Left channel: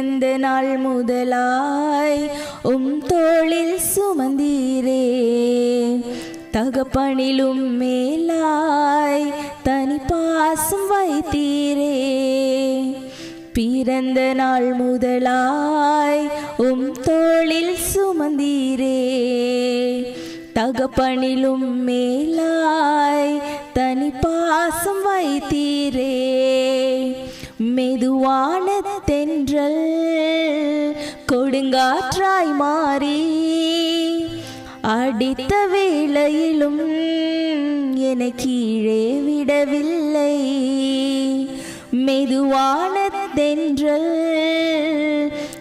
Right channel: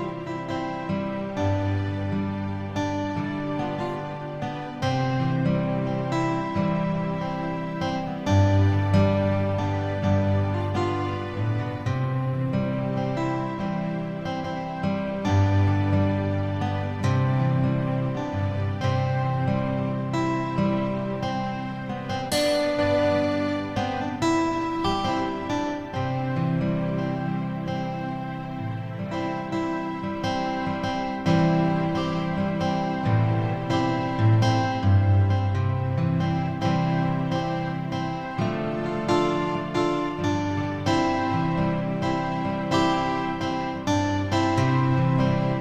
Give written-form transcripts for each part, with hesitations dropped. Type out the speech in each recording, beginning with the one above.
பிறந்த நாள் முதலாய் தோளில் சுமந்தீரே தகப்பனிலும் மேலாய் தனி பாசம் வைத்தீரே பிறந்த நாள் முதலாய் தோளில் சுமந்தீரே தகப்பனிலும் மேலாய் தனி பாசம் வைத்தீரே மெதுவான தென்றல் கொடுங்காற்றாய் மாறி அடித்த வேளையிலும் என கீழே விடவில்லை மெதுவான தென்றல்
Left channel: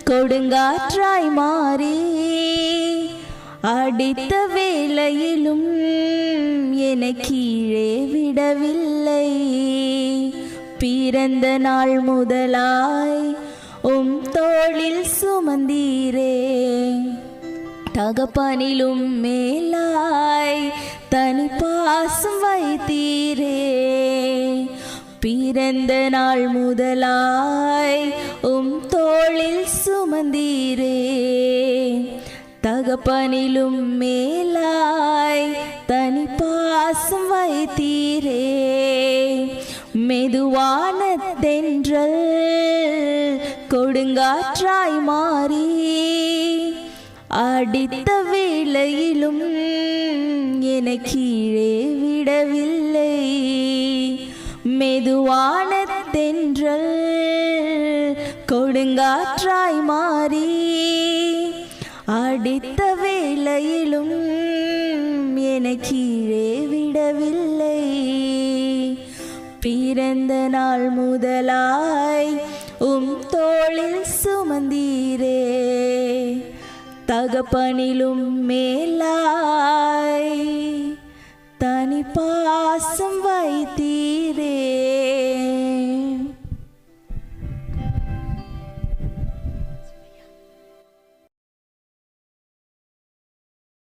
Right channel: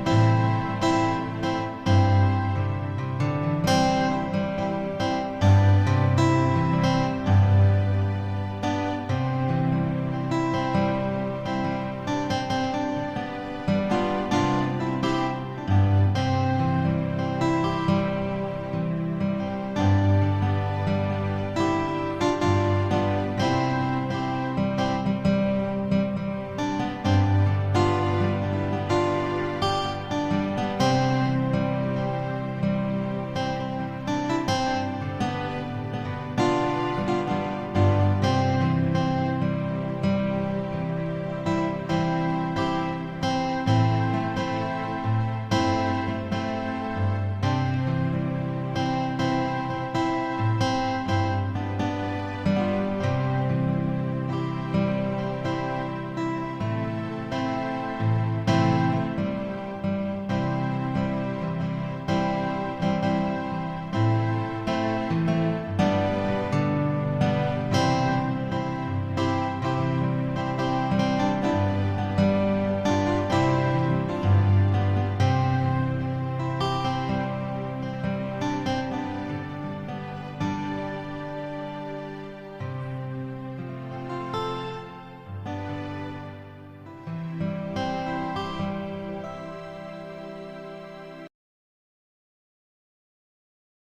கொடுங்காற்றாய் மாறி அடித்த வேளையிலும் என கீழே விடவில்லை பிறந்த நாள் முதலாய் தோளில் சுமந்தீரே தகப்பனிலும் மேலாய் தனி பாசம் வைத்தீரே பிறந்த நாள் முதலாய் தோளில் சுமந்தீரே தகப்பனிலும் மேலாய் தனி பாசம் வைத்தீரே மெதுவான தென்றல் கொடுங்காற்றாய் மாறி அடித்த வேளையிலும் என கீழே விடவில்லை மெதுவான தென்றல் கொடுங்காற்றாய் மாறி அடித்த வேளையிலும் என கீழே விடவில்லை பிறந்த நாள் முதலாய் தோளில் சுமந்தீரே தகப்பனிலும் மேலாய்